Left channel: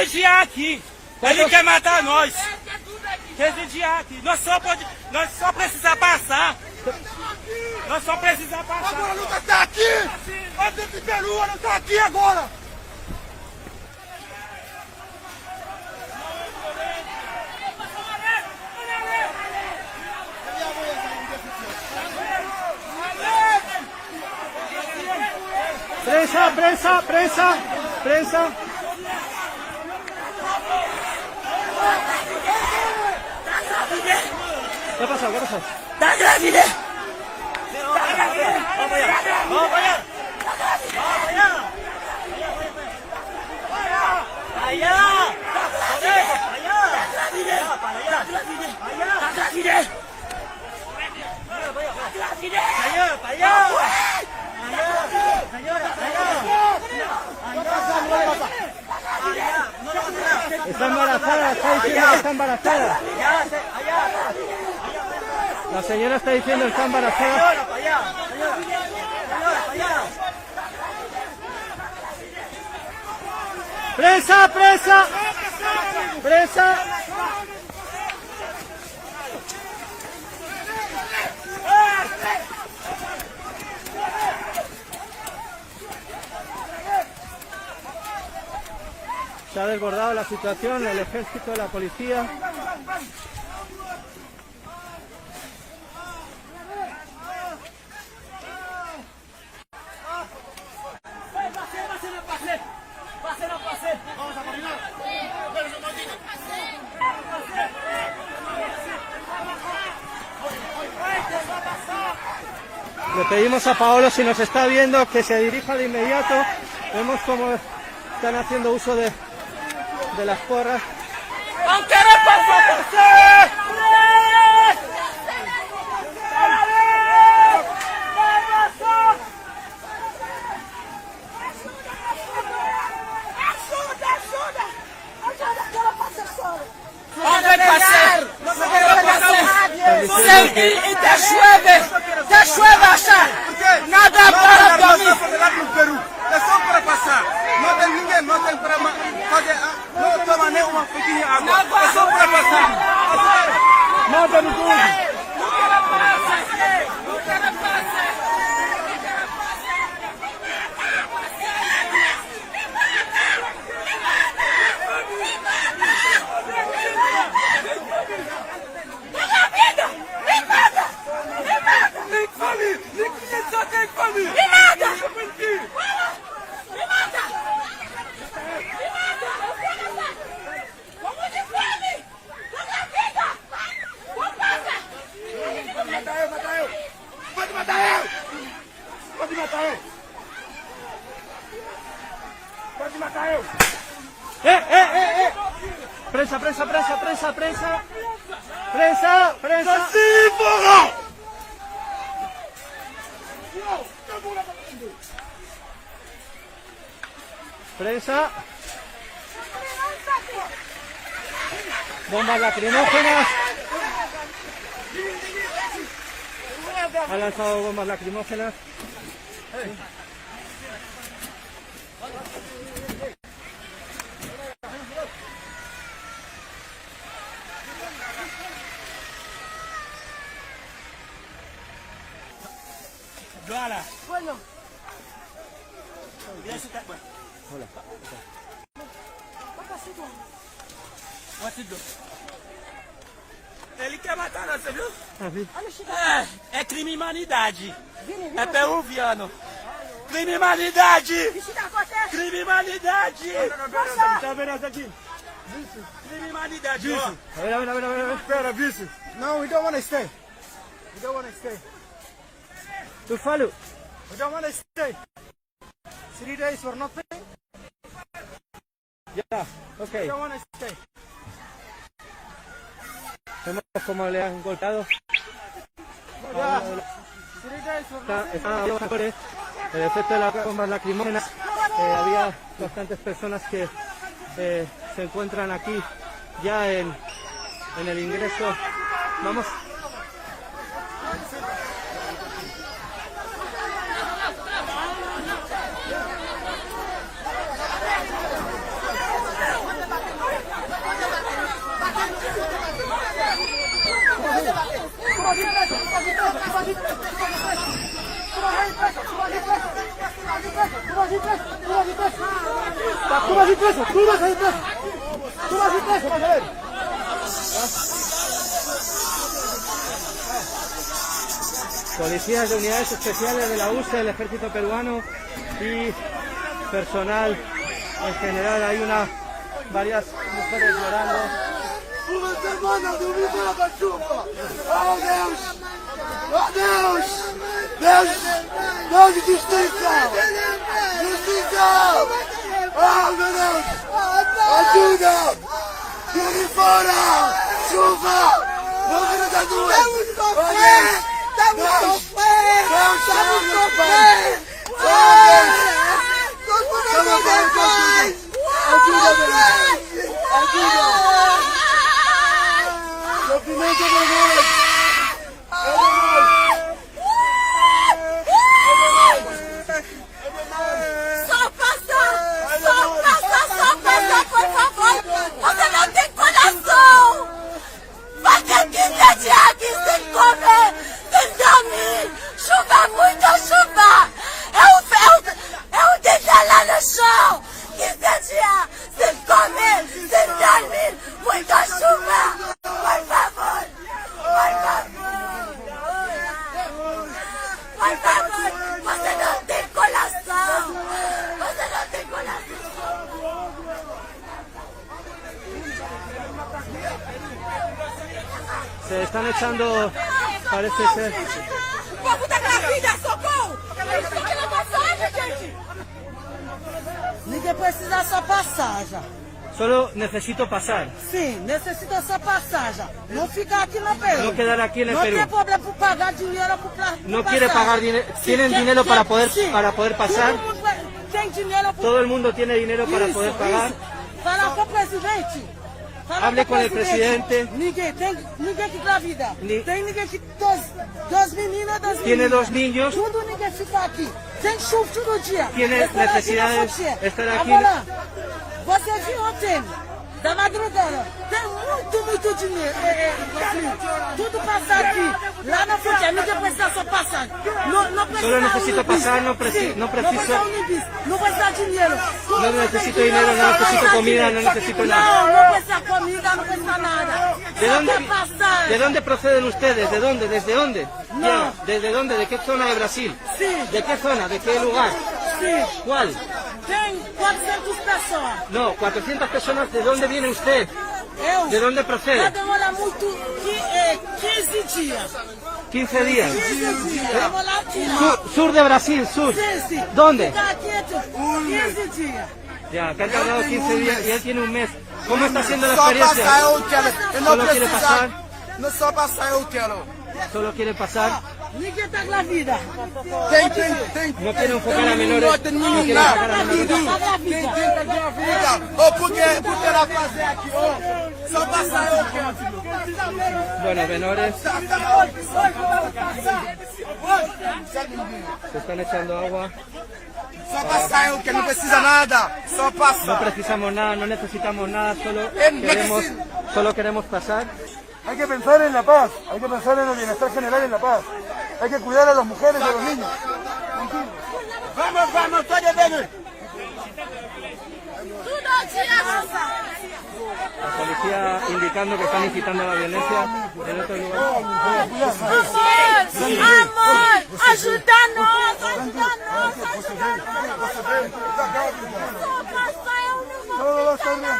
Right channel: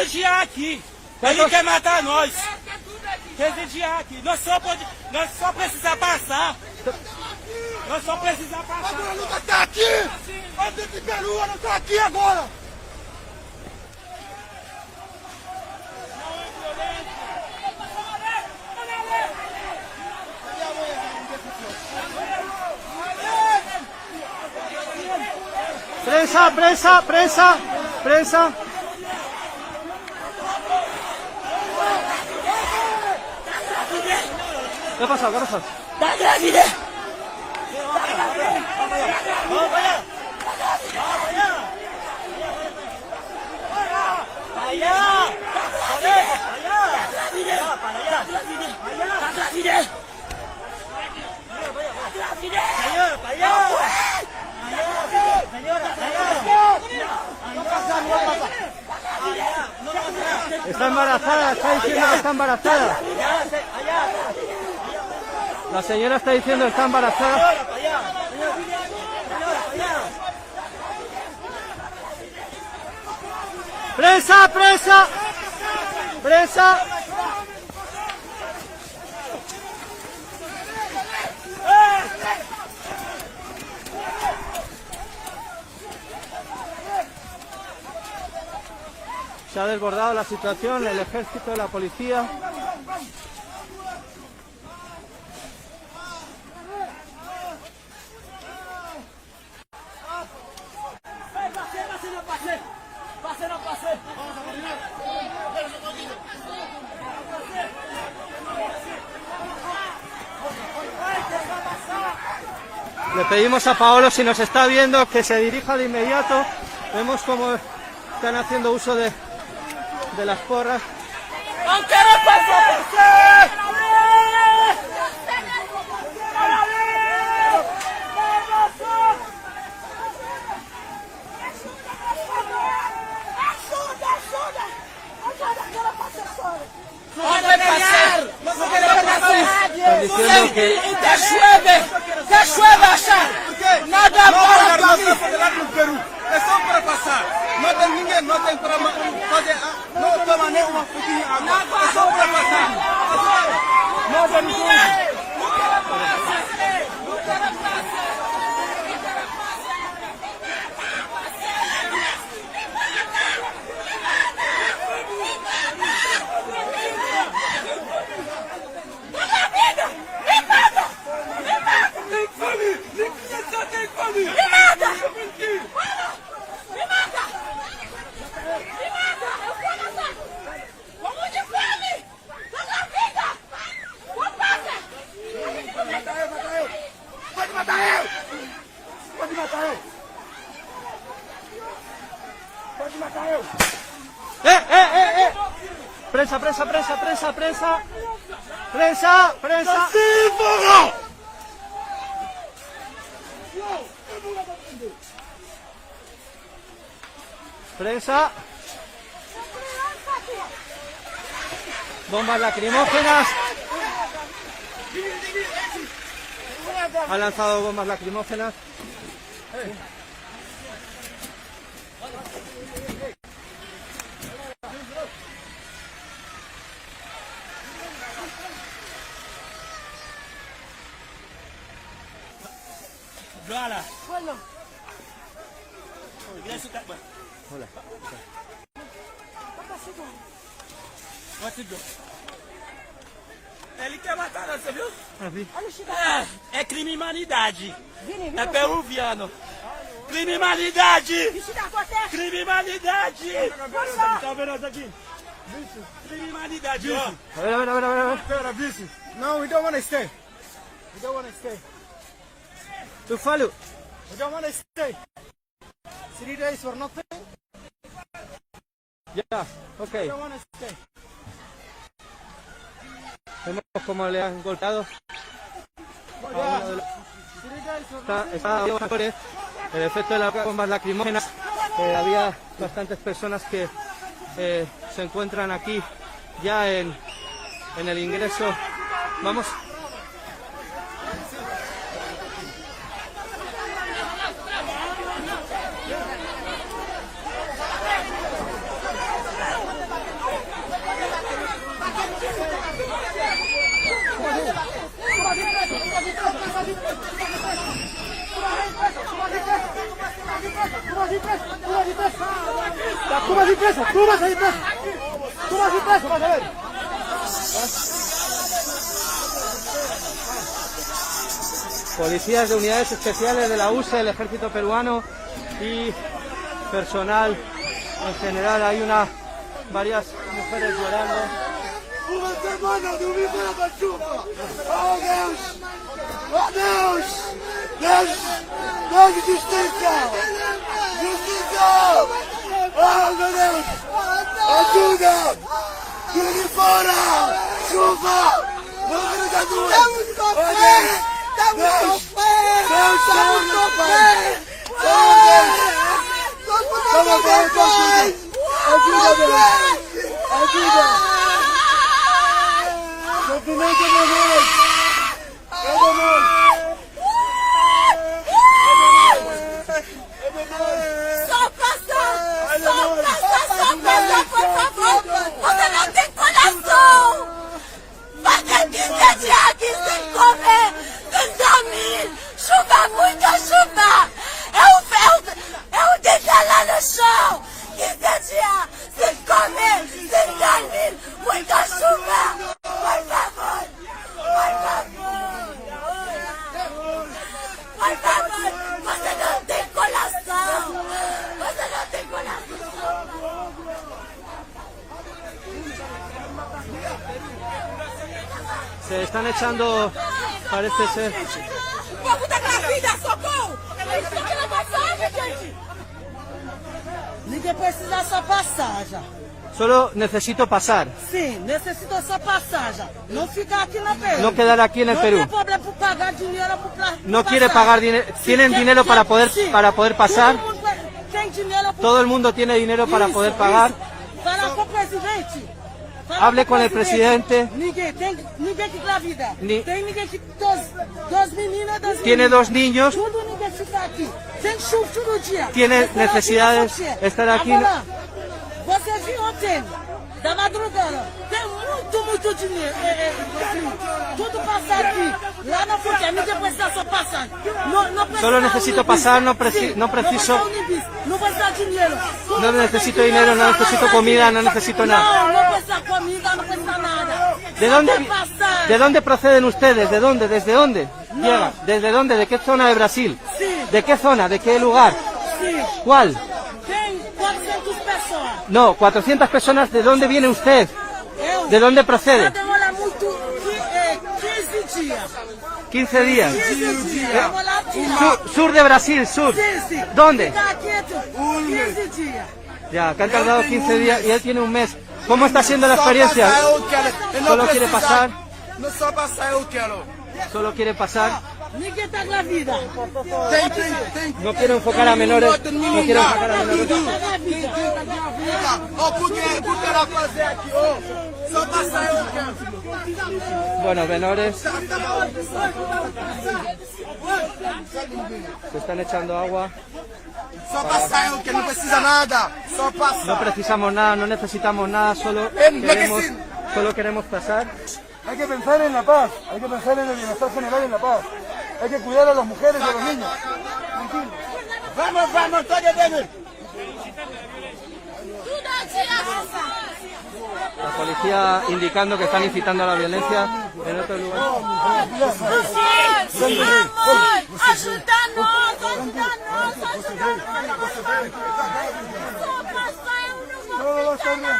desviar aqui. Ele quer matar nós. Quer desviar aqui. Nós só precisamos passar. Nós só precisamos passar. Agora a luta tá aqui. A gente de Peru, não tá aqui agora. Prensa, prensa, prensa, prensa. ¿Qué ha pasado? ¿Qué ha pasado? Tá grávida. Vamos allá. Vamos allá. Allá. Está embarazada, está diciendo que está embarazada. La señora está diciendo que está embarazada. ¡Presa, presa! ¡Presa! Se ha desbordado la situación, el ejército, la policía. Le pedimos a Paolo, si nos está viendo, que se dirija de inmediato. Vemos cómo están haciendo uso de las porras. Están diciendo que Te llueve hasta. Nada para não está para lá no Peru. É só para passar. Não tem ninguém, não tem para fazer. Não toma nem uma pequena água. É só para passar. Não tem ninguém. Prensa, prensa, prensa, prensa, prensa. Prensa, prensa. Prensa. Bombas lacrimógenas. Ha lanzado bombas lacrimógenas. Hola. Bueno. Hola. Ele quer matar nós, você viu? É crime humanidade. É peruviano. Crime humanidade. Crime humanidade. Tá vendo essa aqui? Crime humanidade, ó. A ver, a ver, a ver, a ver. Espera, bicho. No, we don't want to stay. We don't want to stay. Tu falo. We don't want to stay. 3 days for nothing. Ya, ok. We don't want to stay. Vemos cómo le han golpeado. Está el efecto de las bombas lacrimógenas. Había bastantes personas que se encuentran aquí ya en el ingreso. Vamos. Tú vas a ir preso, tú vas a ir preso. Tú vas a ir preso, vas a ver. Policías de unidades especiales de la UCE, el ejército peruano y personal en general. Hay varias mujeres llorando. Uma semana do vídeo da chuva. Oh Deus! Oh Deus! Deus! Deus de justiça! Justiça! Oh meu Deus! Ajuda! Tire fora! Chuva! Vamos da rua! Estamos com fé! Estamos com fé! Ajuda, meu Deus! Ajuda! Sofrimento é nós! Só passa, por favor! Você não tem coração! Você dizer aqui sem comer, sem dormir! Chuva, muita chuva! Eu deitar lá no chão! 15 dias sem comer, sem dormir! Muita chuva! Por favor! Por favor! Por favor! Você não tem coração! Você não tem coração! Se están echando, parece ser. O povo tá na vida, socorro! Isso aqui não é passagem, gente! Ninguém precisa só passagem. Solo necesito pasar. Sim, necessita só passagem. Não ficar aqui na Peru. No quedar aquí en el Não tem Perú. problema por pagar dinheiro por No quiere pagar dinero. ¿Tienen dinero para poder pasar? Todo mundo tem dinheiro por... Todo el mundo tiene dinero para Isso, poder pagar. isso. Fala com o presidente. Fala Hable com con el presidente. Ninguém que engravida. Ni- Tem ninguém que... Duas meninas, duas Tiene meninas. 2 niños. Tudo ninguém fica aqui. Tem chuva todo dia. Tiene Estar aqui na necesidades, fronteira. estar aqui Agora, você viu ontem, da madrugada, tem muito dinheiro. Tudo passa aqui. Lá na fronteira, ninguém precisa só passar. Não precisa Solo necesito pasar, no preciso. Não precisa dinheiro. No necesito dinero, no necesito comida, no necesito nada. Não precisa comida, não precisa nada. ¿De dónde proceden ustedes? ¿De dónde? ¿Desde dónde? No. ¿Desde dónde? ¿De qué zona de Brasil? Sí. ¿De qué zona? ¿De qué lugar? Sim. ¿Cuál? Tem 400 pessoas. No, 400 personas. ¿De dónde viene usted? ¿De dónde Já procede? demora muito, 15 dias. 15 días. 15 dias. Vamos lá tirar. Sur de Brasil, sur. Sim, sim. ¿Dónde? Fica aqui 15 dias. Ya, te han tardado 15 días y él tiene un mes. ¿Cómo está siendo la Só passar experiencia? eu quero. Eu não Solo quiere preciso. pasar. Não só passar eu quero. Solo quiere pasar. Ninguém tá grávida. Tem. No quiero enfocar a menores. No quiero enfocar a menores. Quem tá grávida? Ou porque ela fazer aqui, ó. Só passar eu quero. Bueno, menores. Se están echando agua. Só passar eu quero. Não precisa nada. Só No passar. precisamos nada, no necesitamos nada, solo queremos pasar. Hay que pensar en la paz, hay que pensar en el bienestar general en la paz. Hay que cuidar a las mujeres y a los niños. Vamos, todos vamos. La policía indicando que están incitando a la violencia en otro lugar. Todo va a estar bien.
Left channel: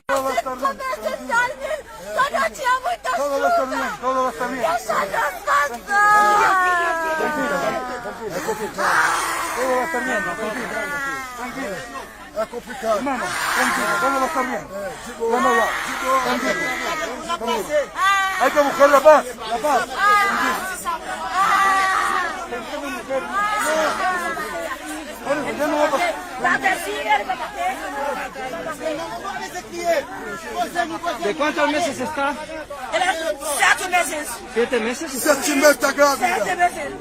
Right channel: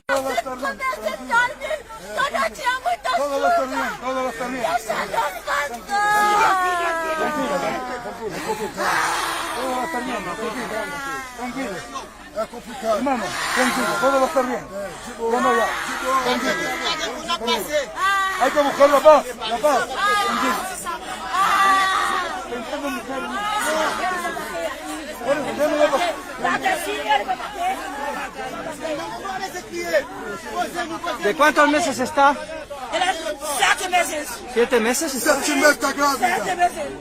Todo va a estar bien. Todo va a estar bien, todo va a estar bien. Todo va a estar bien, tranquilo. Es complicado. Tranquilo, todo va a estar bien. Ya no, ya. Tranquilo. Hay que buscar la paz. La paz. ¿De cuántos meses está? 7 meses. 7 meses está. 7 meses.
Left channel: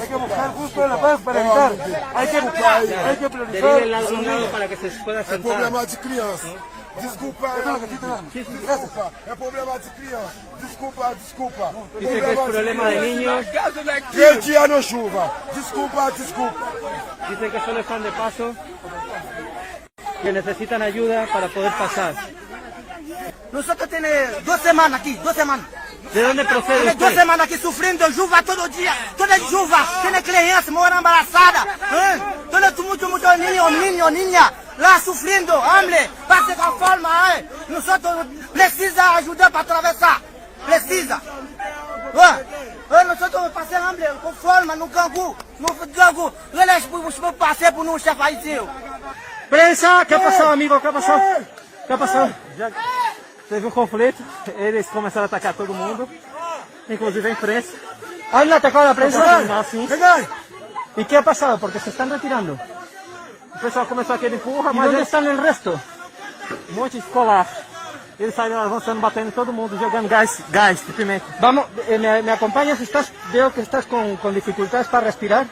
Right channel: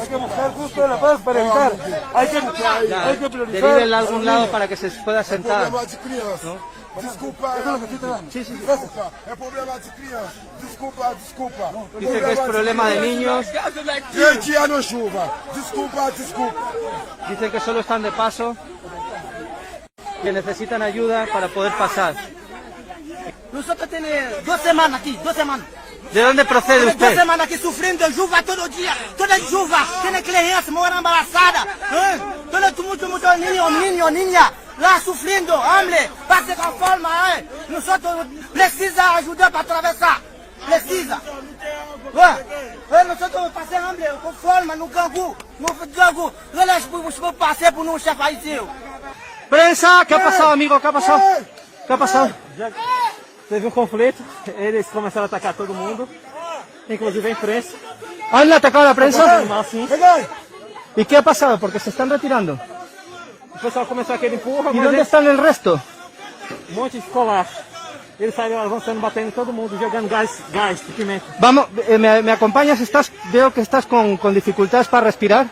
Hay que buscar justo la paz para evitar. Hay que buscar, hay que priorizar. Derive a algún lado para que se pueda sentar. Problema de criança. Desculpa, desculpa. É problema de criança. Desculpa. Dice que es problema de niños. 20 anos chuva. Desculpa. Dicen que solo están de paso. que necesitan ayuda para poder pasar. Nosotros tenemos 2 semanas aquí, 2 semanas. ¿De dónde procede Tenemos 2 usted? semanas aquí sufriendo chuva todo día, toda chuva. Tiene crianças, moram embarazadas. Muchos niños, niñas, lá sufriendo, hambre, pase con forma. Nosotros precisa ayuda para atravesar. Precisa. Nosotros pasamos hambre com forma no gangu. Eles passei por um chefe aí seu. Prensa, ¿qué ha pasado, amigo? ¿Qué ha pasado? ¿Qué ha pasado? Já teve conflito, eles começaram a atacar todo mundo, inclusive a imprensa. ¿Han atacado a la prensa? ¿Y qué ha pasado? Porque se están retirando. O pessoal começou aquele empurra, ¿Y mas dónde están el resto? um monte de escolar. Eles saíram avançando, batendo em todo mundo, jogando gás de pimenta. Vamos, ¿me acompañas? Veo que estás con dificultades para respirar.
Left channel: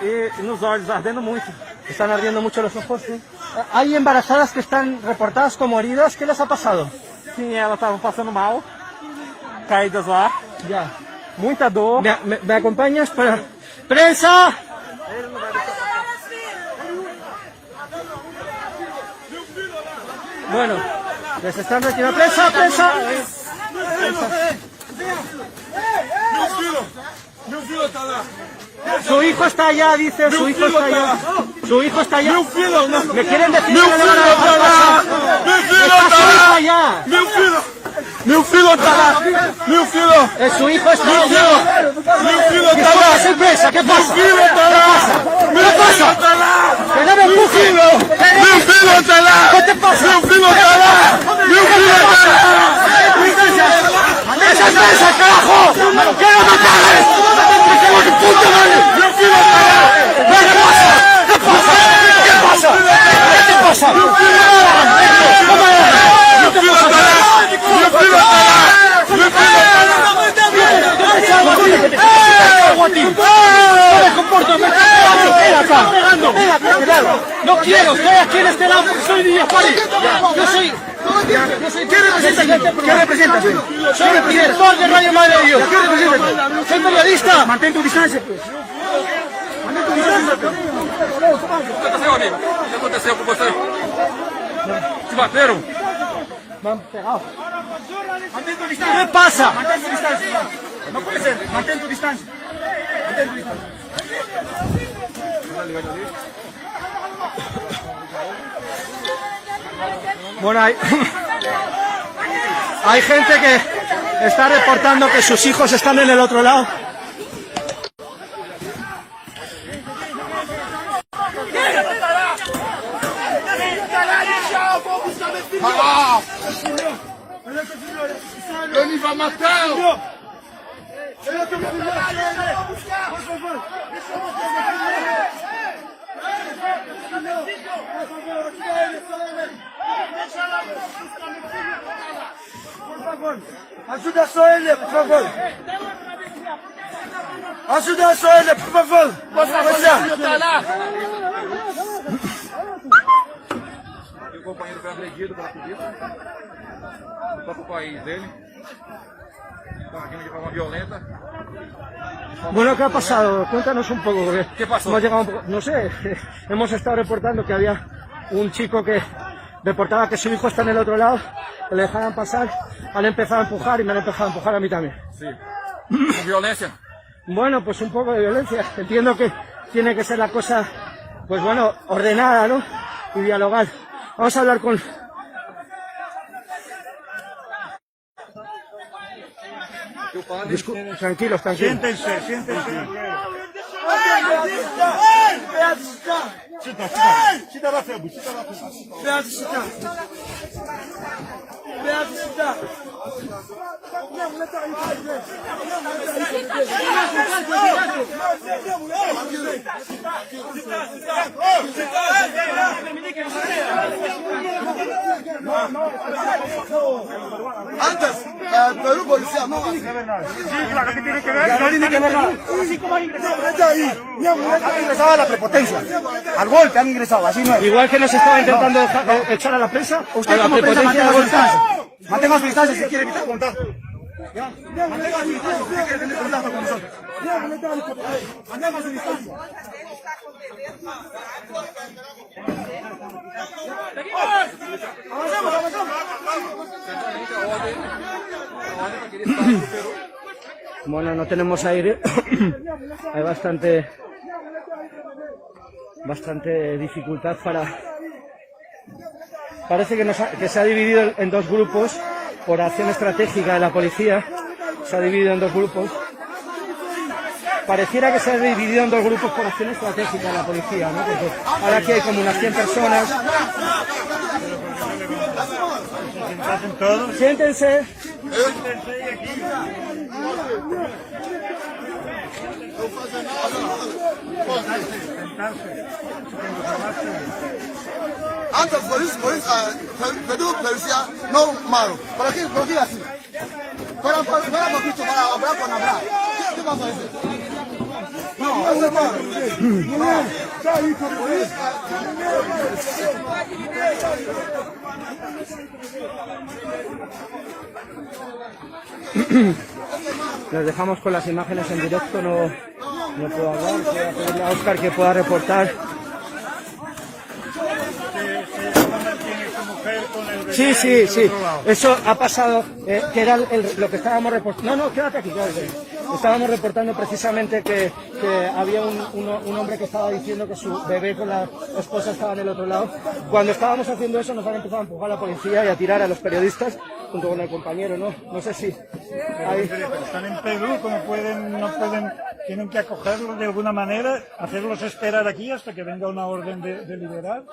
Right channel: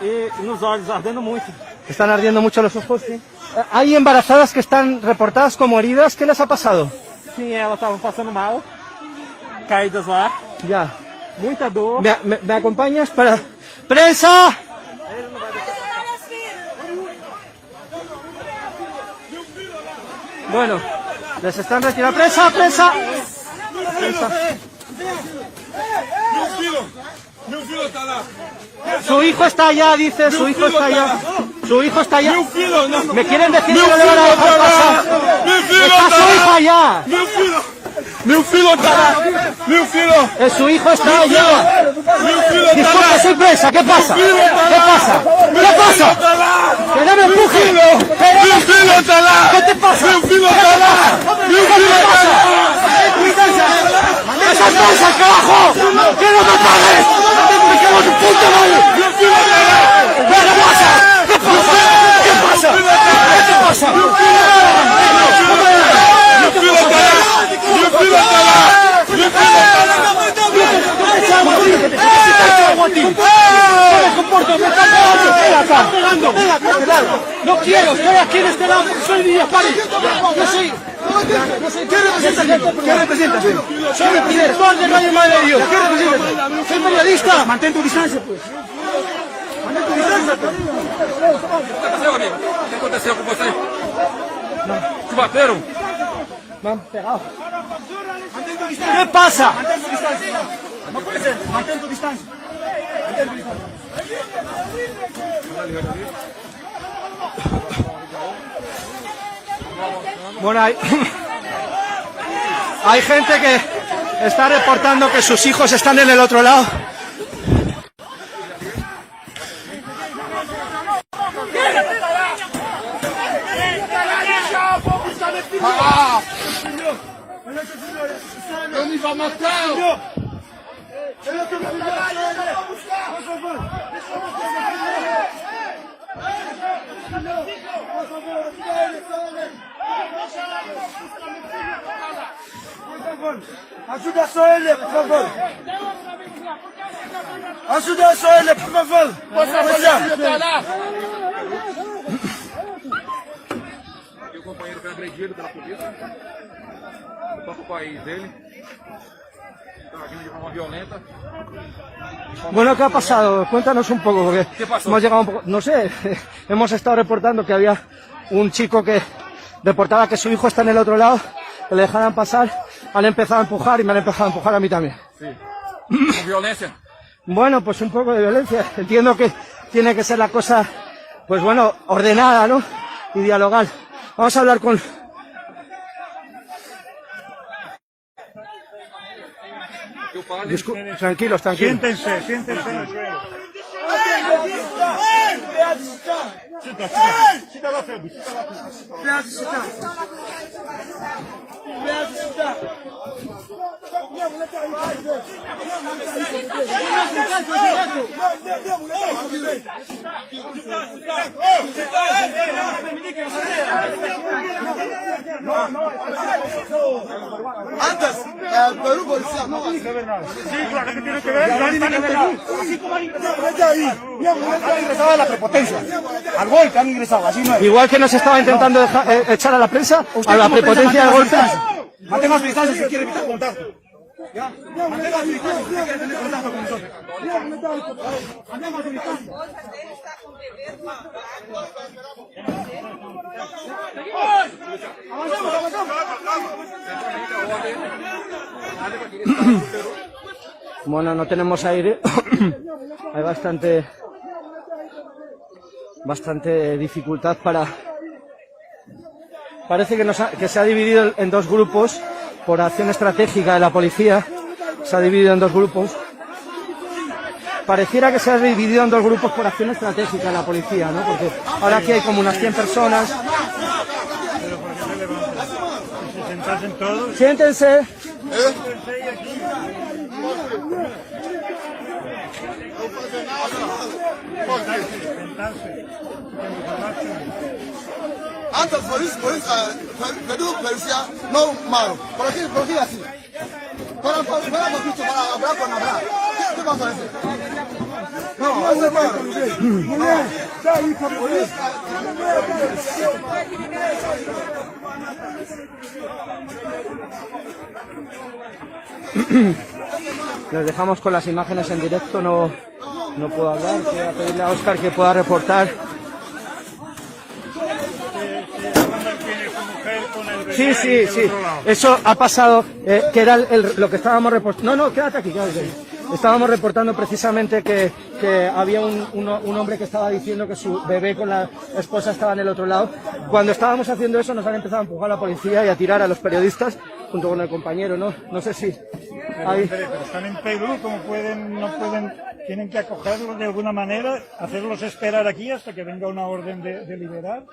E nos olhos, ardendo muito. Están ardiendo mucho los ojos. ¿Sí? Hay embarazadas que están reportadas como heridas. ¿Qué les ha pasado? Sim, elas estavam passando mal, caídas lá, Ya. muita dor. ¿Me acompañas para... ¡Prensa! Bueno, les están retirando. ¡Prensa, prensa! Su hijo está allá, dice, su hijo está allá. Su hijo está allá. ¿Me quieren decir que le van a dejar pasar? Su hijo allá. Meu filho tá lá! Meu filho! Su hijo está allá. Meu filho tá lá! ¿Qué pasa? ¿Qué pasa? Meu filho tá lá! Meu filho tá lá! ¡Que no me empujen! Meu filho tá lá! ¿Qué te pasa? Meu filho tá lá! Meu filho tá lá! ¡Esas mesas, carajo! ¡Que no me pagues! ¡Que tu puta madre! Meu filho tá lá! ¿Qué pasa? ¿Qué pasa? ¿Qué pasa? ¿Qué te pasa? Meu filho tá lá! Meu filho tá lá! Meu filho tá lá! ¡No me comporto! ¡Me están pegando! ¡Ven acá! ¡Pegando! ¡Ven acá, este lado! ¡No quiero! ¡Estoy aquí en este lado porque soy Villa Faris! ¡Yo soy... ¿Qué representas? Soy el director de Radio Madre de Dios. ¿Qué representas? Soy periodista. Mantén tu distancia, pues. Mantén tu distancia, pues. O que aconteceu com você? Te bateram? Vamos, pegado. ¿Qué pasa? No puede ser, mantén tu distancia. Mantén tu distancia. Bueno, hay gente que está reportando que sus hijos están en el otro lado. Ele vai matar! Ajuda só ele, por favor. Ajuda só ele, por favor. Pode trabalhar. E o companheiro foi agredido pela polícia, no próprio país dele. Estava agindo de forma violenta. Bueno, ¿qué ha pasado? Cuéntanos un poco. Porque ¿Qué pasó? Hemos llegado un poco, no sé, hemos estado reportando que había un chico que reportaba que su hijo está en el otro lado, que le dejaran pasar, han empezado a empujar y me han empezado a empujar a mí también. Sí. Com violência? Bueno, pues un poco de violencia. Entiendo que tiene que ser la cosa, pues bueno, ordenada, ¿no? Y dialogar. Vamos a hablar con... Tranquilos, tranquilos. Siéntense. Antes, Perú policía, no tiene que ver nada. ¿Qué tiene que ver? No tiene que ver nada. Han ingresado a la prepotencia. Al golpe han ingresado, así no es. Igual que nos estaba intentando echar a la prensa, a la prepotencia de la distancia. Mantenga su distancia si quiere tener contacto. Mantenga su distancia si quiere tener contacto con nosotros. Mantenga su distancia. Avancemos, avancemos. Bueno, no tenemos aire. Hay bastante dificultad para... Parece que se ha dividido en dos grupos por acción estratégica de la policía. Se ha dividido en dos grupos. Pareciera que se ha dividido en dos grupos por acción estratégica de la policía, ¿no? Porque ahora aquí hay como unas 100 personas. Siéntense. Antes policía no malo. Por aquí así. Para poquito para hablar con hablar. ¿Qué pasa eso? No, es malo. Les dejamos con las imágenes en directo, no puedo hablar, voy a pedirle a Óscar que pueda reportar. Sí, eso ha pasado, que era lo que estábamos reportando. No, quédate aquí. Estábamos reportando precisamente que había un hombre que estaba diciendo que su bebé con la esposa estaba en el otro lado. Cuando estábamos haciendo eso nos han empezado a empujar a la policía y a tirar a los periodistas junto con el compañero, ¿no? No sé si... Pero están en Perú, como no pueden, tienen que acogerlos de alguna manera, hacerlos esperar aquí hasta que venga una orden de liberar,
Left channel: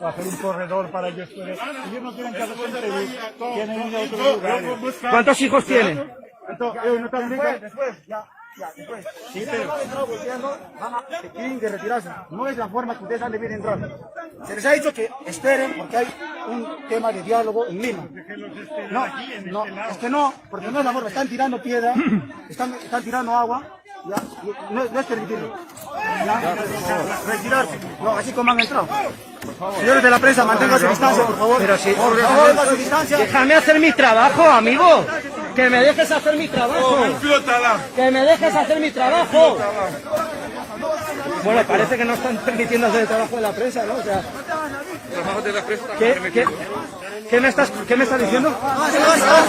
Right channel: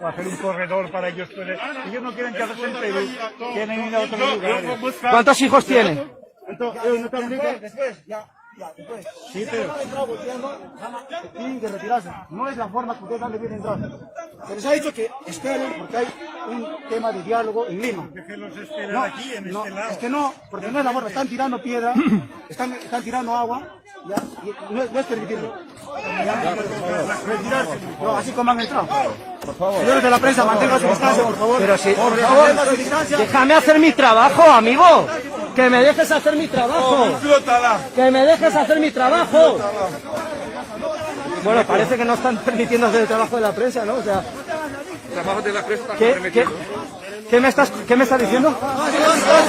o hacer un corredor para ellos. Ellos no quieren quedarse en Perú, quieren ir a otro lugar. ¿Cuántos hijos tiene? Después. 7. Tienen que retirarse. No es la forma que ustedes han de bien entrar. Se les ha dicho que esperen porque hay un tema de diálogo en Lima. No, es que no, porque no es la forma. Están tirando piedra, están tirando agua. Ya, no es permitirlo. Ya, retirarse. No, así como han entrado. Señores de la prensa, manténganse distancia, por favor. Pero sí, por favor, manténganse distancia. Déjame hacer mi trabajo, amigo. Que me dejes hacer mi trabajo. Que me dejes hacer mi trabajo. Bueno, parece que no están permitiendo hacer el trabajo de la prensa, ¿no? O sea, ¿qué me estás diciendo?